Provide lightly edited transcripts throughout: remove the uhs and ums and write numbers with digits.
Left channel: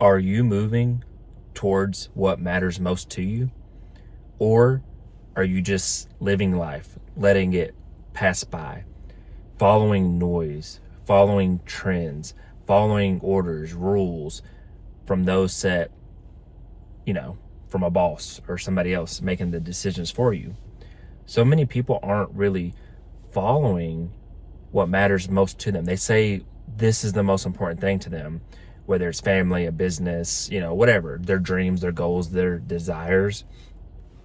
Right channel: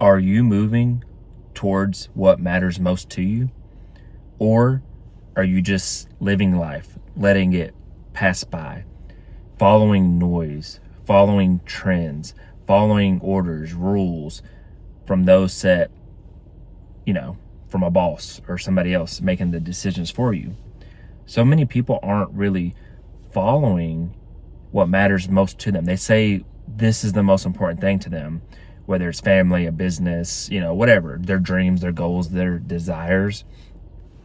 Are you moving towards what matters most to you? Or are you just living life, letting it pass by, following noise, following trends, following orders, rules from those set, from a boss or somebody else making the decisions for you? So many people aren't really following what matters most to them. They say this is the most important thing to them, whether it's family, a business, whatever, their dreams, their goals, their desires.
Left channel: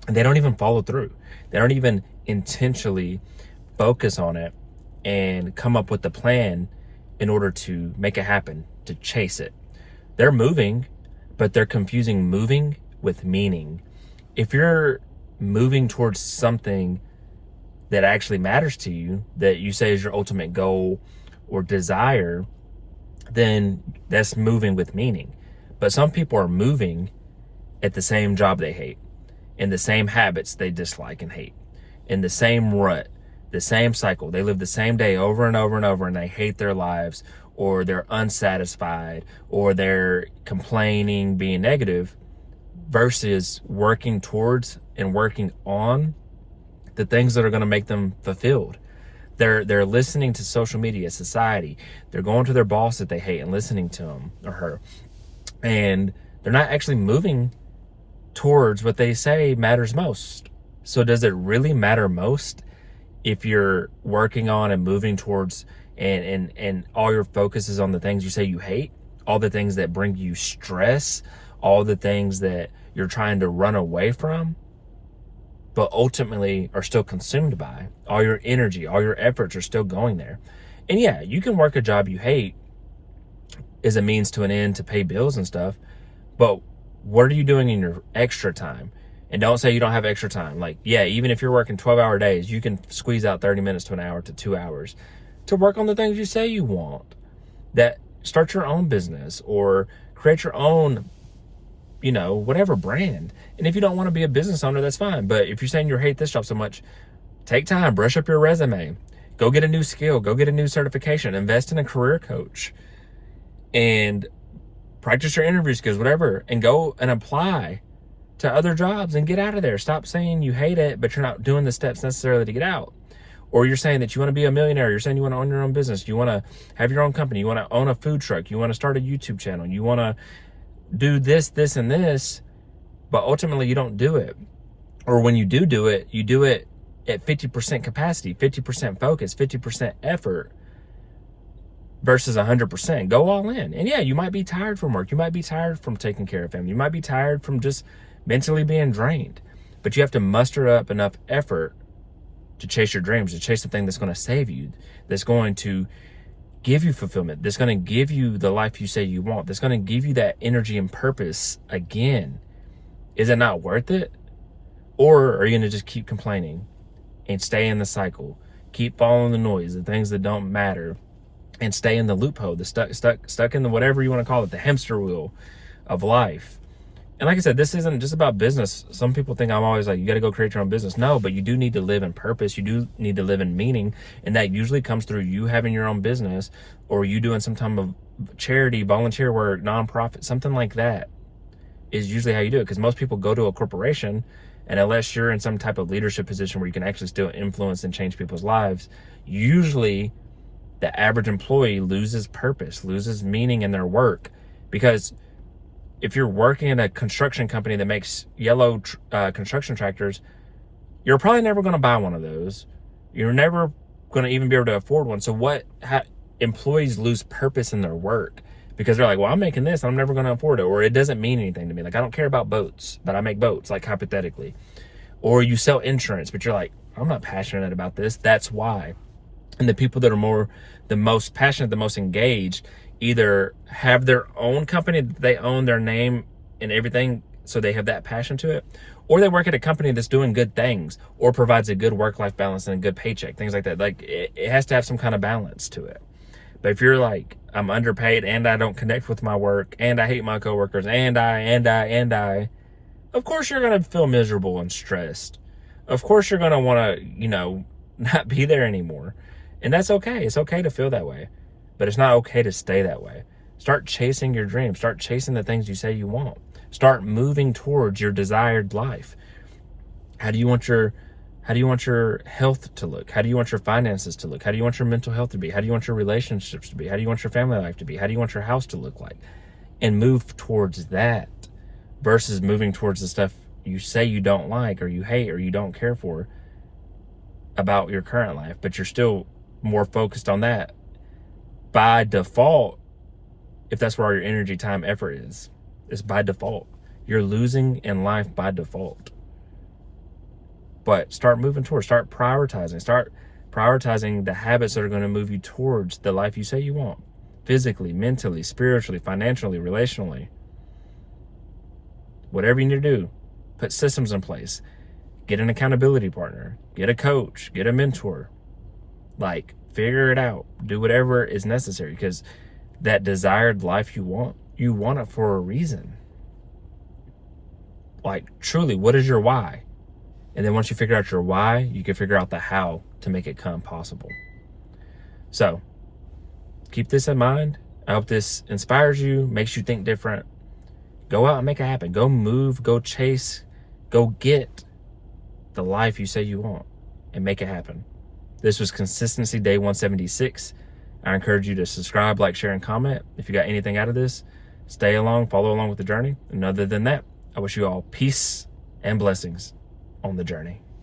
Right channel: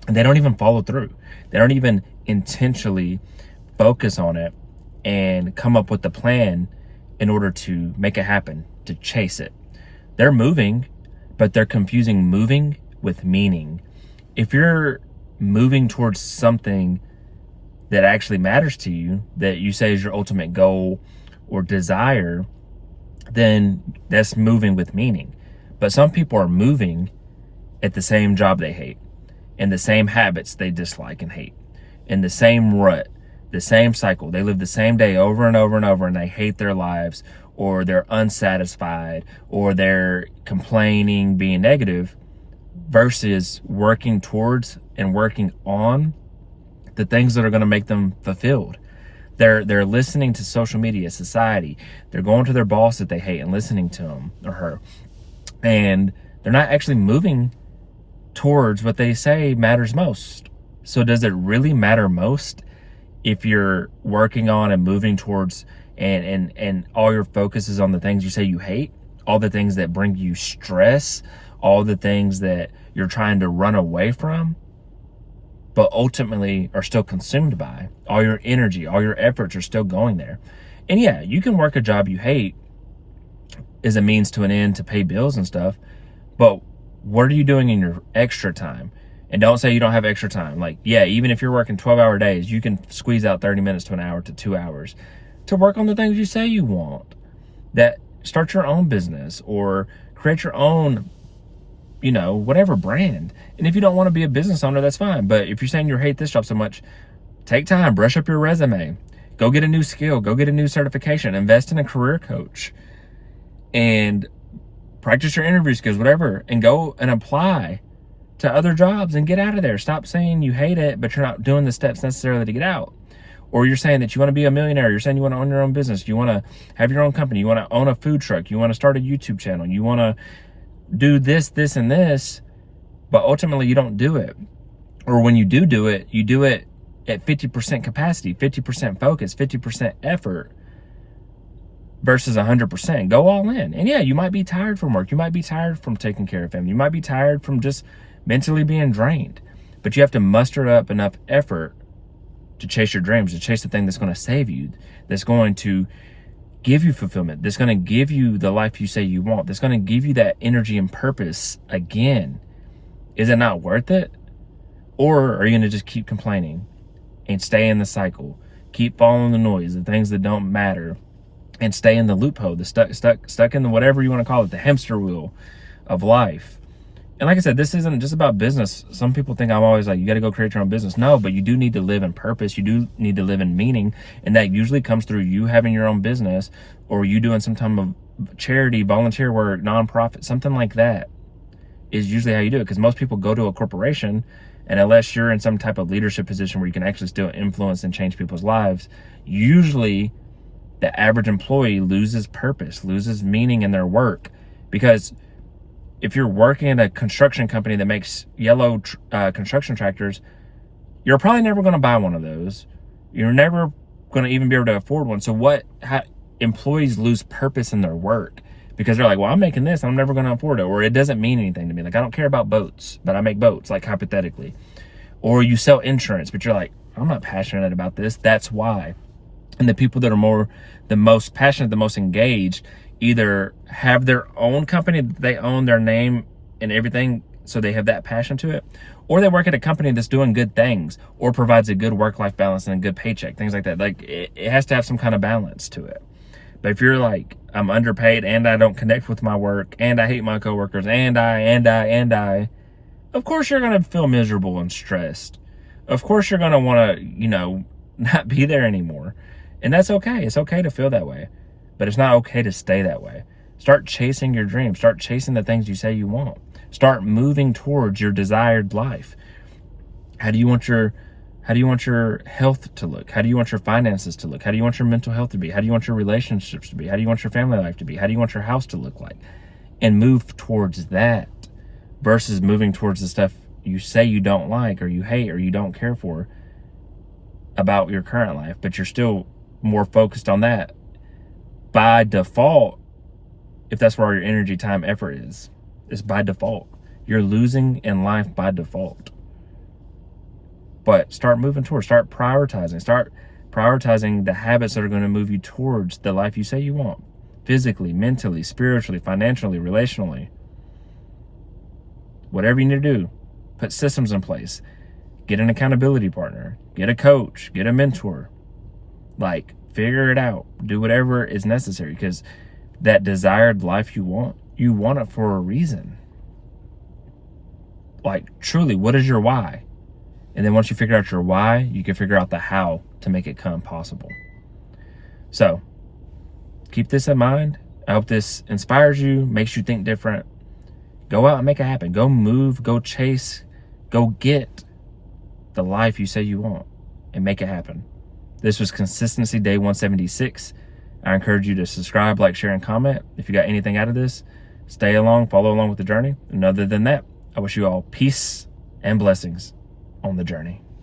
And they don't even follow through. They don't even intentionally focus on it and come up with the plan in order to make it happen, to chase it. They're moving, but they're confusing moving with meaning. If you're moving towards something that actually matters to you, that you say is your ultimate goal or desire, then that's moving with meaning. But some people are moving at the same job they hate, in the same habits they dislike and hate, in the same rut, the same cycle. They live the same day over and over and over, and they hate their lives, or they're unsatisfied, or they're complaining, being negative, versus working towards and working on the things that are going to make them fulfilled. They're listening to social media, society. They're going to their boss that they hate and listening to him or her. And they're not actually moving towards what they say matters most. So does it really matter most if you're working on and moving towards and all your focus is on the things you say you hate, all the things that bring you stress, all the things that you're trying to run away from, but ultimately are still consumed by? All your energy, all your efforts are still going there. And yeah, you can work a job you hate as a means to an end to pay bills and stuff, but what are you doing in your extra time? And don't say you don't have extra time. Like, yeah, even if you're working 12-hour days, you can squeeze out 30 minutes to an hour to 2 hours to work on the things you say you want. That start your own business or create your own, whatever brand. And if you don't want to be a business owner, that's fine. But if you're saying you hate this job so much, take time, brush up your resume, go get a new skill, go get a new certification, invest in a career coach, and practice your interview skills, whatever, and go and apply to other jobs and get out of there. Stop saying you hate it, but you're not doing the steps necessarily to get out. Or you're saying that you want to be a millionaire. You're saying you want to own your own business. You want to have your own company. You want to own a food truck. You want to start a YouTube channel. You want to do this, this, and this, but ultimately you don't do it. Or when you do it, you do it at 50% capacity, 50% focus, 50% effort versus 100%. Go all in. And yeah, you might be tired from work. You might be tired from taking care of family. You might be tired from just mentally being drained, but you have to muster up enough effort to chase your dreams, to chase the thing that's going to save you, that's going to give you fulfillment, that's going to give you the life you say you want, that's going to give you that energy and purpose again. Is it not worth it? Or are you going to just keep complaining and stay in the cycle, keep following the noise, the things that don't matter, and stay in the loophole, the stuck in the whatever you want to call it, the hamster wheel of life? And like I said, this isn't just about business. Some people think I'm always like, you got to go create your own business. No, but you do need to live in purpose. You do need to live in meaning. And that usually comes through you having your own business, or you doing some type of charity, volunteer work, nonprofit, something like that is usually how you do it. Because most people go to a corporation, and unless you're in some type of leadership position where you can actually still influence and change people's lives, usually the average employee loses purpose, loses meaning in their work. Because if you're working at a construction company that makes yellow construction tractors, you're probably never going to buy one of those. You're never going to even be able to afford one. So employees lose purpose in their work because they're like, well, I'm making this, I'm never going to afford it. Or it doesn't mean anything to me. Like, I don't care about boats, but I make boats, like hypothetically. Or you sell insurance, but you're like, I'm not passionate about this. That's why. And the people that are the most passionate, the most engaged, either have their own company that they own their name and everything, so they have that passion to it, or they work at a company that's doing good things or provides a good work-life balance and a good paycheck, things like that. Like, it has to have some kind of balance to it. But if you're like, I'm underpaid and I don't connect with my work and I hate my coworkers and I, of course you're going to feel miserable and stressed. Of course you're going to want to, not be there anymore. And that's okay. It's okay to feel that way. But it's not okay to stay that way. Start chasing your dreams. Start chasing the things you say you want. Start moving towards your desired life. How do you want your health to look? How do you want your finances to look? How do you want your mental health to be? How do you want your relationships to be? How do you want your family life to be? How do you want your house to look like? And move towards that versus moving towards the stuff you say you don't like or you hate or you don't care for about your current life, but you're still more focused on that by default. If that's where all your energy, time, effort is by default. You're losing in life by default. But start moving towards, start prioritizing the habits that are going to move you towards the life you say you want. Physically, mentally, spiritually, financially, relationally. Whatever you need to do, put systems in place. Get an accountability partner. Get a coach. Get a mentor. Like, figure it out. Do whatever is necessary, because that desired life you want it for a reason. Like, truly, what is your why? And then once you figure out your why, you can figure out the how to make it come possible. So, keep this in mind. I hope this inspires you, makes you think different. Go out and make it happen. Go move, go chase, go get the life you say you want and make it happen. This was Consistency Day 176. I encourage you to subscribe, like, share, and comment. If you got anything out of this, stay along, follow along with the journey. And other than that, I wish you all peace and blessings on the journey.